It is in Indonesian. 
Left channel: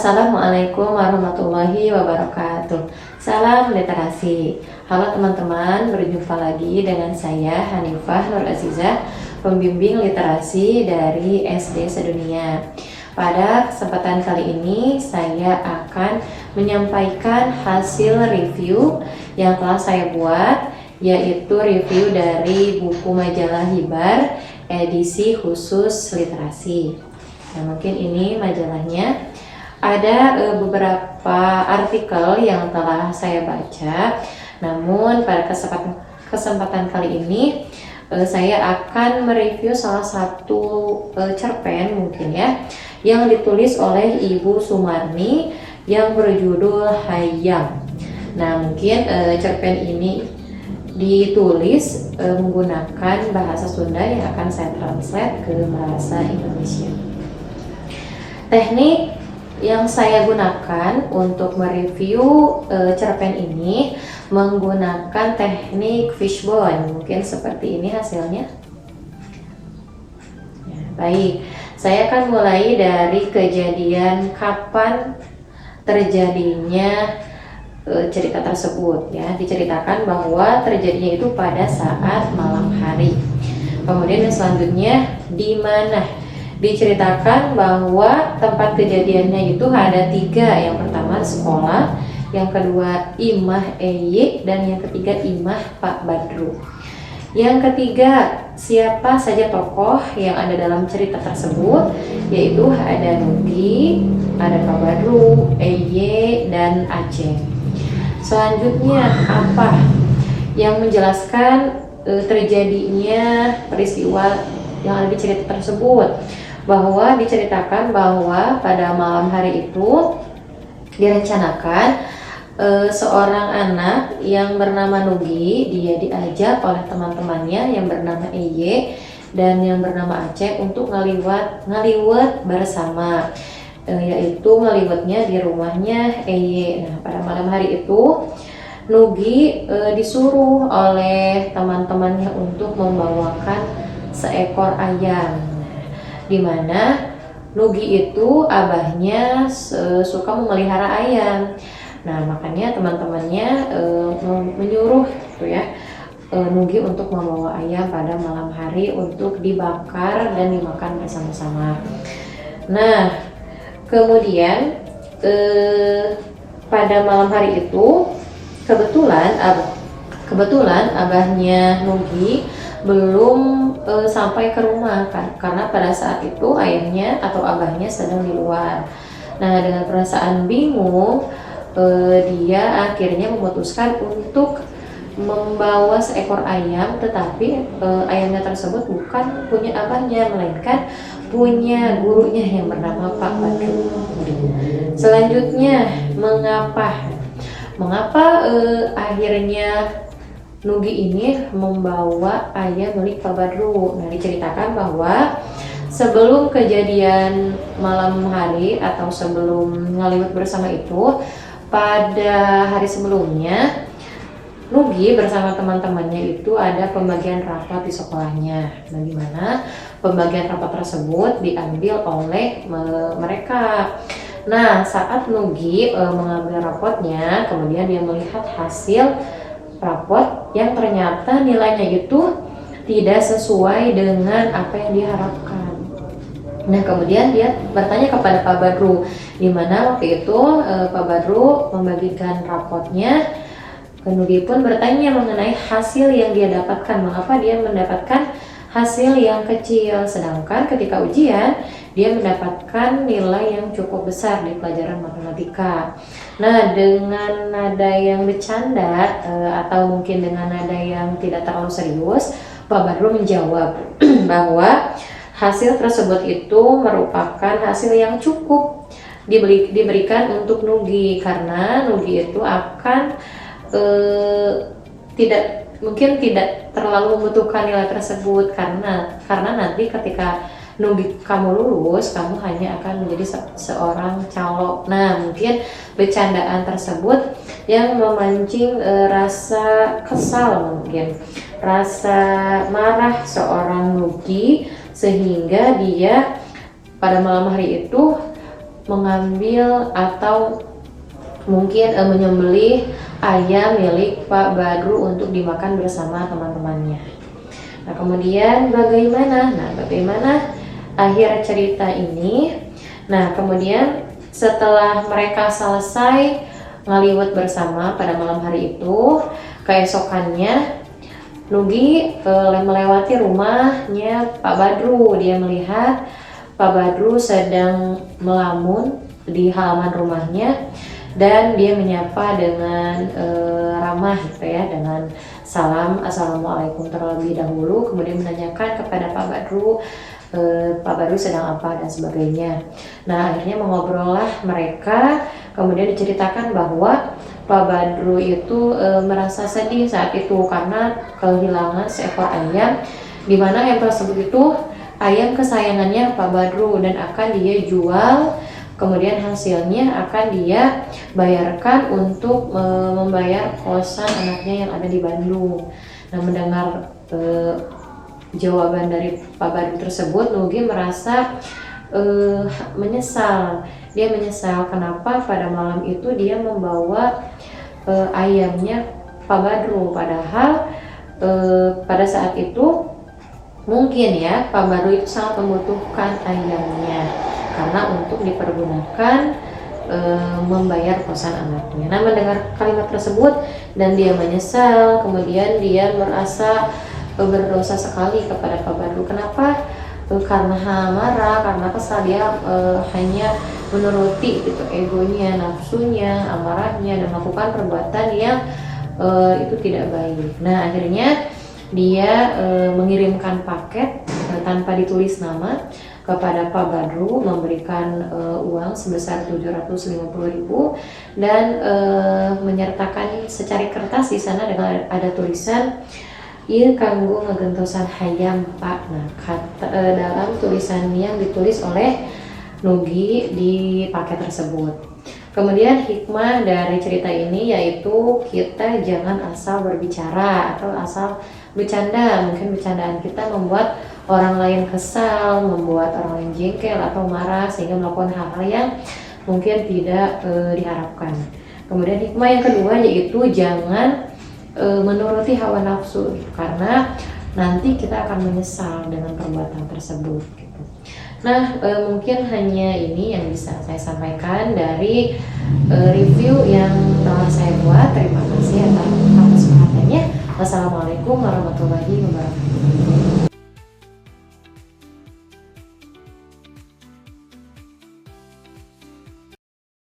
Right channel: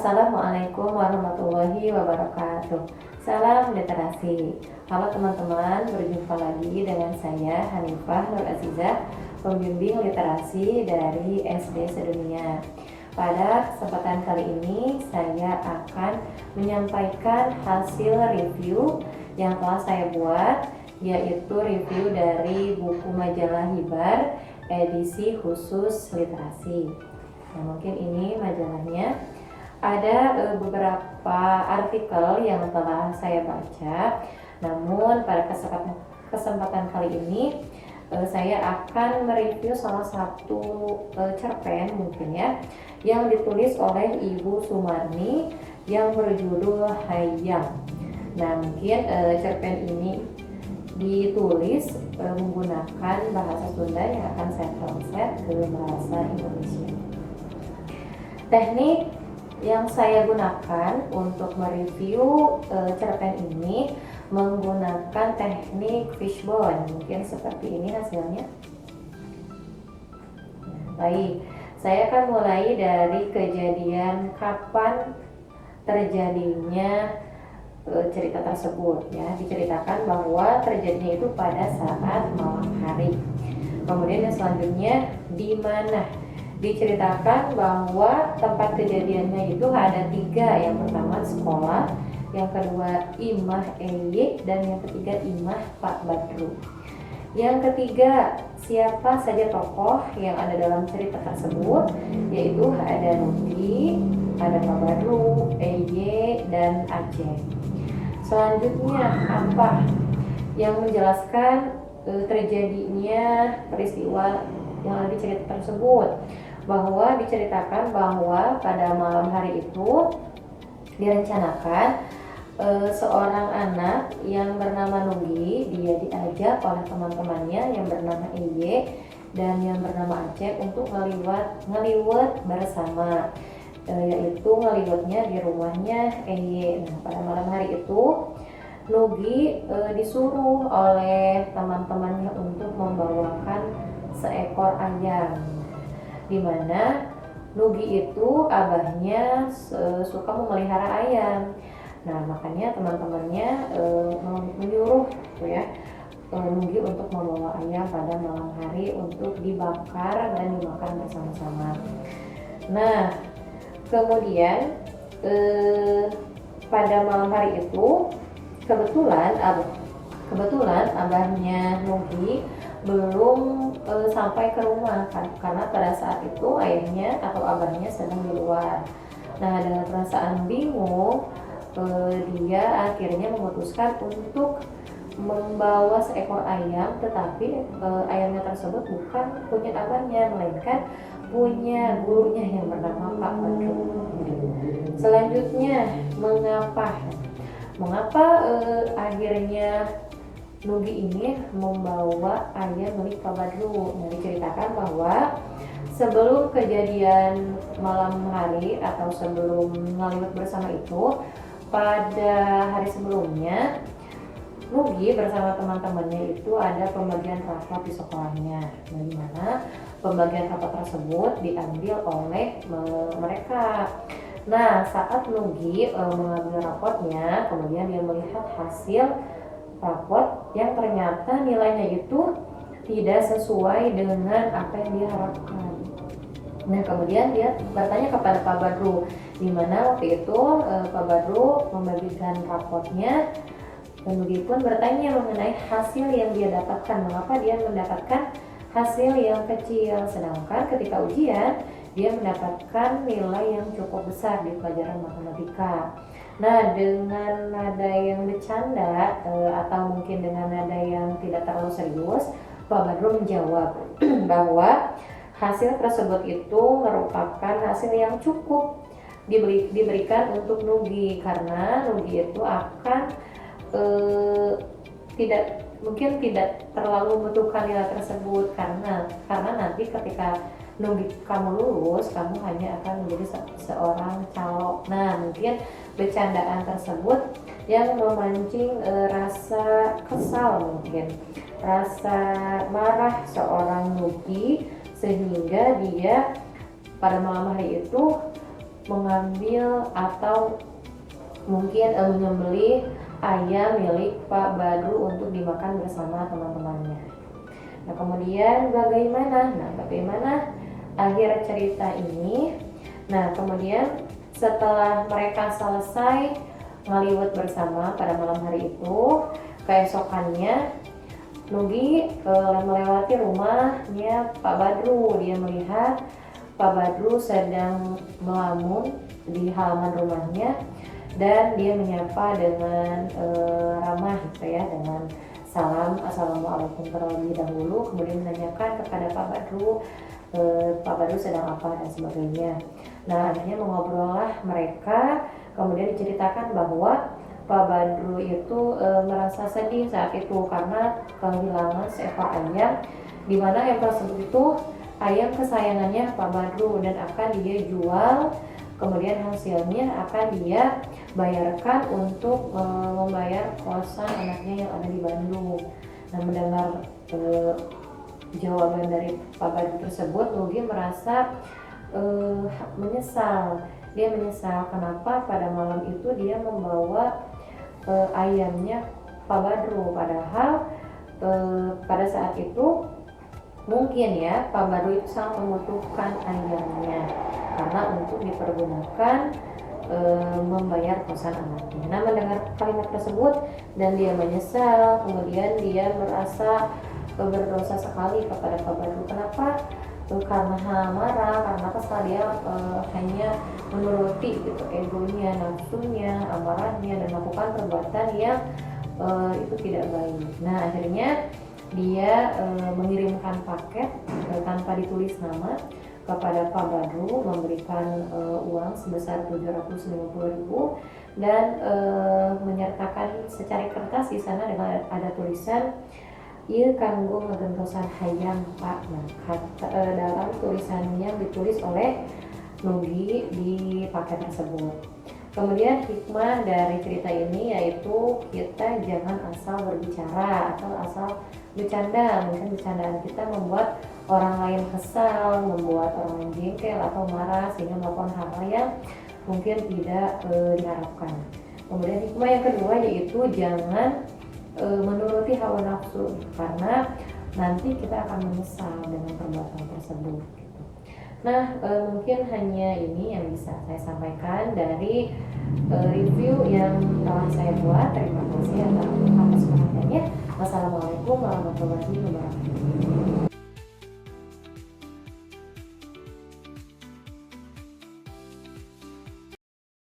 Assalamualaikum warahmatullahi wabarakatuh. Salam literasi. Halo teman-teman, berjumpa lagi dengan saya Hanifah Nur Azizah, pembimbing literasi dari SD Sedunia. Pada kesempatan kali ini saya akan menyampaikan hasil review yang telah saya buat, yaitu review dari buku majalah Hibar edisi khusus literasi. Nah, mungkin ini majalahnya. Ada beberapa artikel yang telah saya baca, namun pada kesempatan kali ini saya akan mereview salah satu cerpen mungkin ya, yang ditulis oleh Ibu Sumarni yang berjudul Hayam. Nah, mungkin cerpen ini ditulis menggunakan bahasa Sunda yang akan saya translate ke bahasa Indonesia. Teknik yang saya gunakan untuk mereview cerpen ini menggunakan teknik fishbone. Mungkin seperti ini hasilnya. Ya, baik, saya akan mulai dari kejadian kapan terjadinya cerita tersebut ya. Diceritakan bahwa terjadinya itu pada saat malam hari. Kemudian yang selanjutnya di mana? Diceritakan bahwa tempat kejadiannya itu ada 3. Yang pertama sekolah, yang kedua Imah EY, dan yang ketiga Imah Pak Badru. Yang ketiga, siapa saja tokoh yang ada dalam cerita tersebut, yaitu ada Nugi, ada Pak Badru, EY, dan Aceh. Selanjutnya apa yang menjelaskan terjadinya peristiwa yang ada di cerita tersebut? Bahwa diceritakan bahwa pada malam hari itu direncanakan seorang anak yang bernama Nugi, dia diajak oleh teman-temannya yang bernama EY dan yang bernama Aceh untuk ngaliwat bersama, yaitu ngaliwatnya di rumahnya EY. Nah, pada malam hari itu Nugi disuruh oleh teman-temannya untuk membawakan seekor ayam, di mana Nugi itu abahnya suka memelihara ayam. Nah, makanya teman-temannya menyuruh gitu ya, Nugi untuk membawa ayam pada malam hari untuk dibakar dan dimakan bersama-sama. Nah, kemudian pada malam hari itu kebetulan abahnya Nugi belum sampai ke rumah kan, karena pada saat itu ayahnya atau abahnya sedang di luar. Nah, dengan perasaan bingung, dia akhirnya memutuskan untuk membawa seekor ayam, tetapi ayamnya tersebut bukan punya abahnya, melainkan punya gurunya yang bernama Pak Badru. Selanjutnya, mengapa akhirnya Nugi ini membawa ayam milik Pak Badru? Nah, diceritakan bahwa sebelum kejadian malam hari atau sebelum ngaliwat bersama itu, pada hari sebelumnya Nugi bersama teman-temannya itu ada pembagian rapat di sekolahnya. Nah, di mana pembagian rapat tersebut diambil oleh mereka. Nah, saat Nugi mengambil rapotnya, kemudian dia melihat hasil rapot yang ternyata nilainya itu tidak sesuai dengan apa yang diharapkan. Nah, kemudian dia bertanya kepada Pak Badru, di mana waktu itu Pak Badru membagikan rapotnya. Nugi pun bertanya mengenai hasil yang dia dapatkan, mengapa dia mendapatkan hasil yang kecil, sedangkan ketika ujian dia mendapatkan nilai yang cukup besar di pelajaran matematika. Nah, dengan nada yang bercanda atau mungkin dengan nada yang tidak terlalu serius, Pak Badru menjawab bahwa hasil tersebut itu merupakan hasil yang cukup diberikan untuk Nugi, karena Nugi itu akan tidak terlalu membutuhkan nilai tersebut, karena nanti ketika Nugi kamu lulus, kamu hanya akan menjadi seorang calo. Nah, mungkin bercandaan tersebut yang memancing rasa kesal, mungkin rasa marah seorang Nugi, sehingga dia pada malam hari itu mengambil atau mungkin menyembelih ayam milik Pak Badru untuk dimakan bersama teman-temannya. Nah, kemudian bagaimana akhir cerita ini? Nah, kemudian setelah mereka selesai ngaliwat bersama pada malam hari itu, keesokannya Nugi melewati rumahnya Pak Badru. Dia melihat Pak Badru sedang melamun di halaman rumahnya dan dia menyapa dengan ramah gitu ya, dengan salam assalamualaikum terlebih dahulu, kemudian menanyakan kepada Pak Badru Pak Badru sedang apa dan sebagainya. Nah, akhirnya mengobrollah mereka, kemudian diceritakan bahwa Pak Badru itu merasa sedih saat itu karena kehilangan seekor ayam, di mana ayam tersebut itu ayam kesayangannya Pak Badru dan akan dia jual, kemudian hasilnya akan dia bayarkan untuk membayar kosan anaknya yang ada di Bandung. Nah, mendengar jawaban dari Pak Badru tersebut, Nugi merasa menyesal. Dia menyesal kenapa pada malam itu dia membawa ayamnya Pak Badru, padahal pada saat itu mungkin ya Pak Badru itu sangat membutuhkan ayamnya karena untuk dipergunakan membayar kosan anaknya. Nah, mendengar kalimat tersebut dan dia menyesal, kemudian dia merasa berdosa sekali kepada Pak Badru. Kenapa? Karena marah, karena kesal, dia hanya menuruti gitu egonya, nafsunya, amarahnya, dan melakukan perbuatan yang itu tidak baik. Nah, akhirnya dia mengirimkan paket tanpa ditulis nama kepada Pak Badru, memberikan uang sebesar 750.000 dan menyertakan secari kertas di sana dengan ada tulisan ieu kanggo ngagentosan hayam Pak. Nah, dalam tulisan yang ditulis oleh Nugi di paket tersebut. Kemudian hikmah dari cerita ini yaitu kita jangan asal berbicara atau asal bercanda. Mungkin bercandaan kita membuat orang lain kesal, membuat orang lain jengkel atau marah sehingga melakukan hal-hal yang mungkin tidak diharapkan. Kemudian hikmah yang kedua yaitu jangan menuruti hawa nafsu gitu, karena nanti kita akan menyesal dengan perbuatan tersebut gitu. Nah, mungkin hanya ini yang bisa saya sampaikan dari review yang telah saya buat. Terima kasih atas perhatiannya. Wassalamualaikum warahmatullahi wabarakatuh.